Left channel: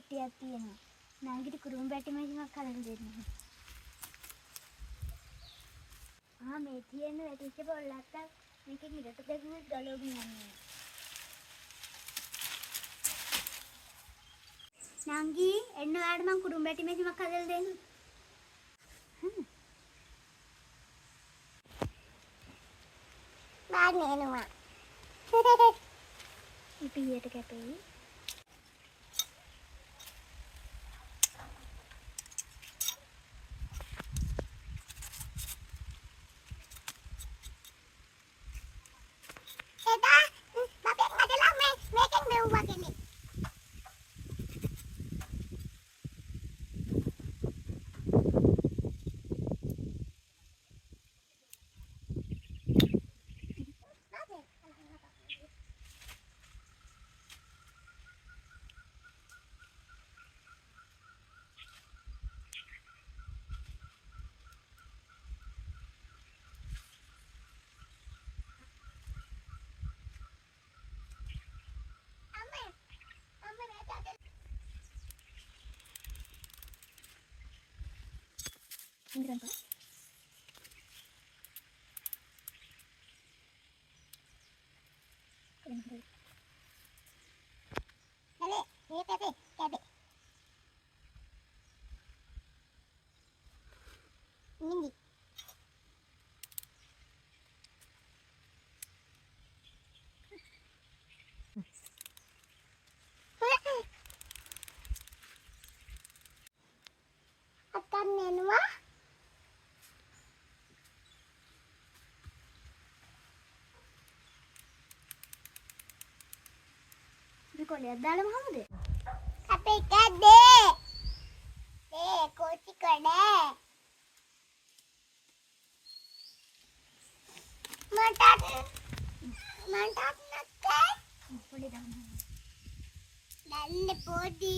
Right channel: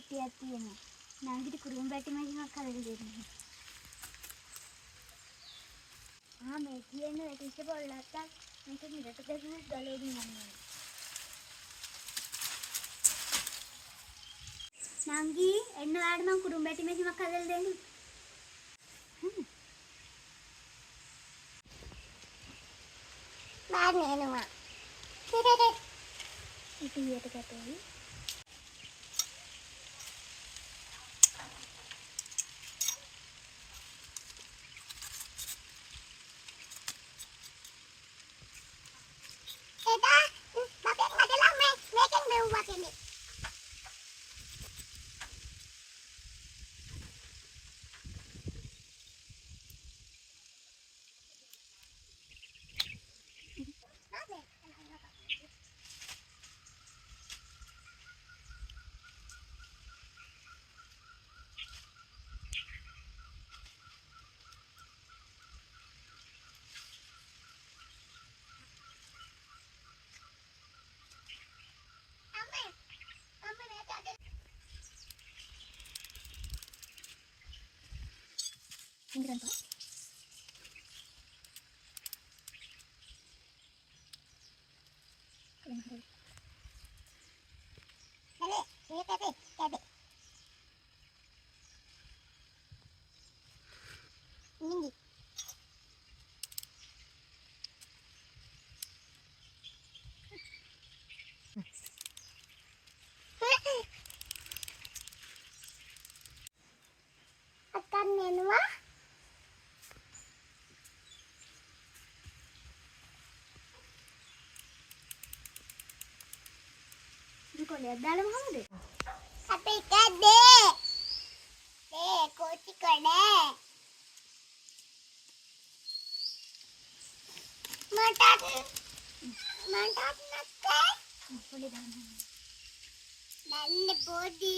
පෙට්ටියක් තියෙනවා. නංගිට කුරුම් බැටි මැෂිනක් හදලා දෙන්න. මේ තියෙන වැටිච්ච පොල්ලක් මේක මිලට දැම්මොත් ගලවගෙන යනවා. නංගි එන්න ඔයාලට මම කුරුම් බැටි මැෂිනක් හදලා දෙන්න. එනවා. ඉතියට කැටේ. Enggak tahu. Cabe. Ini. Akan nenua. කොලයක් දාලා මොකද? අපේ කඩේ. කොච්චි කඩේ. මටත් නැත්තේ. පොඩි දාන්න. පොඩි.